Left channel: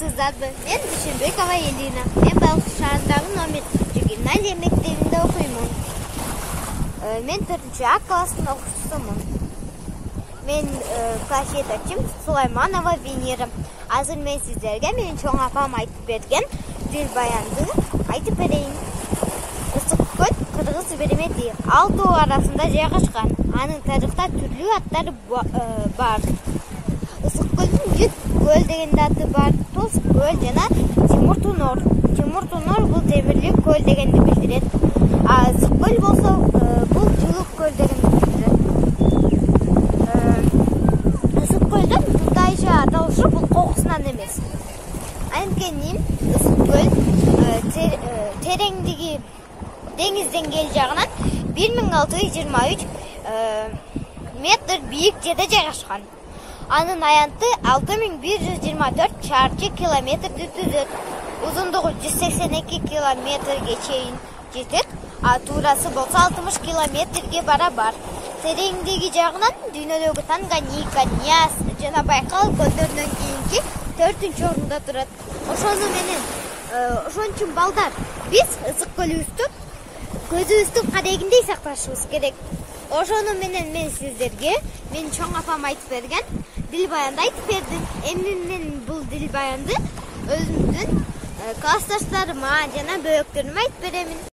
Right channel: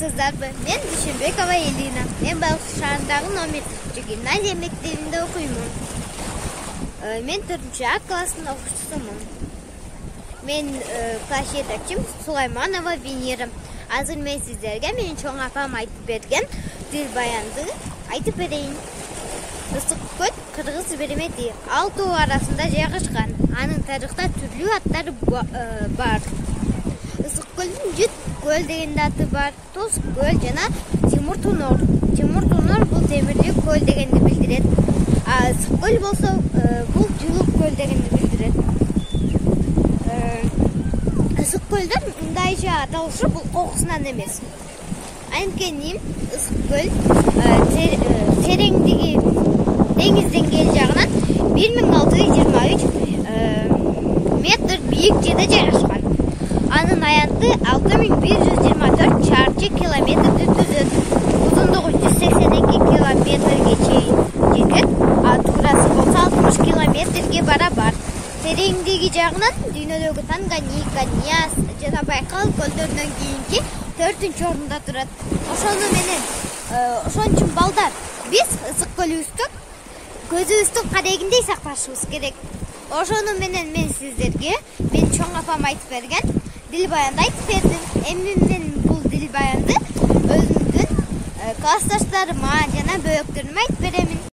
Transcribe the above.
Армысыздарбы? Мен Дүйшөнбекова Элина. Мен Балык шаарындагы номер 1 мектебинде окуймун. Мен 4-А класстын окуучусумун. Мен класс жетекчим Сулайманова Венера. Азыр мен сиздерге менин чоң апам айтып берген Дилбаянды айтып берейин. Ысык көл Кыргыз Беремети ал тоо арасында жайгашкан. Анын тарыхта түрлүү аттары бар. Ысык көлдүн Жүт көл деген аты бар, Тоз көл жана Тимур Тунор. Тимур Тунор бул темирлик көл дегенди билдирет. А ысык көл болсо бул жылуу көл дегенди билдирет. Ысык көлдүн мындайча аталышы бул кокусунан эмес. Анткени ысык көл тереңдиги деңиз деңгээли жагынан 1623 метр бийик жерде жайгашкан. Анын аянты 6124 чарчы километрди түзөт. Узундугу 182 километрге чейин жетет, а туурасы болсо 60 километрге барабар. Тереңдиги жагынан дүйнөдөгү Танганьика, Ньяс жана Байкал көлдөрүнөн кийинки 4-орунда турат. Ошону менен ошон үчүн балдар биз ысык көлүбүздү көзүбүздүн карегиндей сакташыбыз керек. Ошону менен мен сиздерге мен чоң апам айтып берген Дилбаянды айтып бердим. Эми мен бул Дилбаянды өзүмдүн классташтарыма жана бөбөктөрүмө айтып беремин.